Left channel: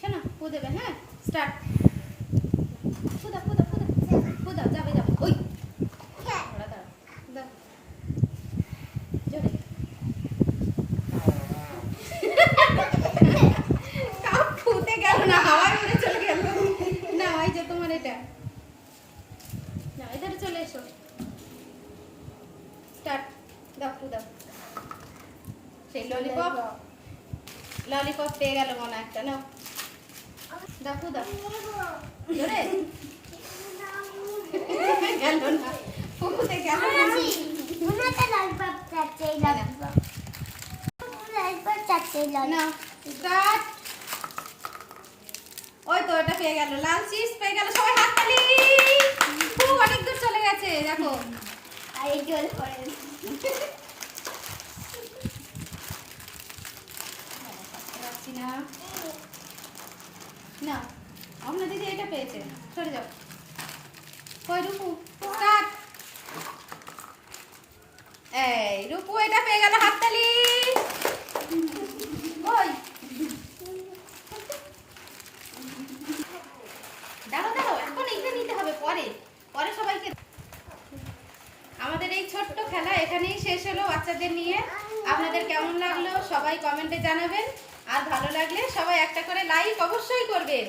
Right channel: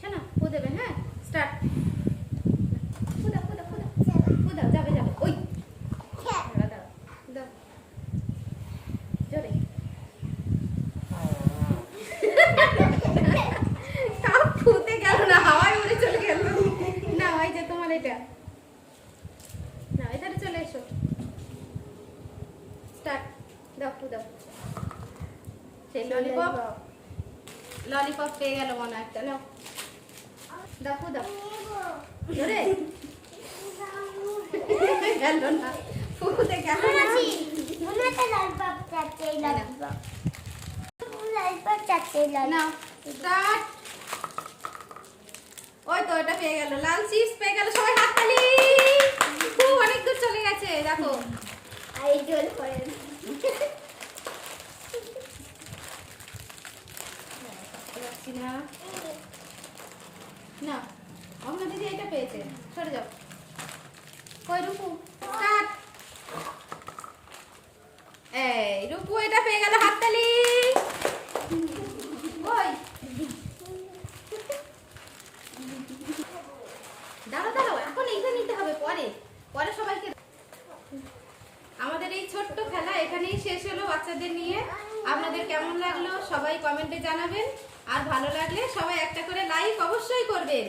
শোনা ও দেবে। হ্যাঁ স্টার্ট। দাও যাবে যাবে ওই দাও জোরে। ফুটে গেল না, হাওয়ায় উড়ে চলে গেল। না ওই যে তোমার এটা না, এখানে চলে এসো। স্টার্ট। দাও ফু দাও। সেই ললিপপ ললিপপ পেয়ে গেল মনে একটা। নাও দাও ফু দাও জোরে। গেল না, ফুটে গেল না। না স্টার্ট। ওই তো এটা পেয়ে গেল, লাল চিপস পেয়ে গেল। সবাই হাততালি। খুব অনেক দূর চলে গেছে দেখো। এই জল পড়ে রাখছি না না, আমরা দিদি এটা পেয়েছে। সরে যাও। কই রূপু স্টার্ট। এই রূপু এটা পেয়ে গেল, হাততালি। ওই দাঁড়াও দাঁড়াও, এখন এইটা নিতে হবে, পরে পরে সবাইকে। আমাদের এই ছোট্ট খেলা এখানেই শেষ হলো বাচ্চাদের নিয়ে। আপনাদের কেমন লাগলো সবাই কমেন্টে জানাবেন, আর ভালো লাগলে সবাই একটা করে লাইক অবশ্যই করবেন।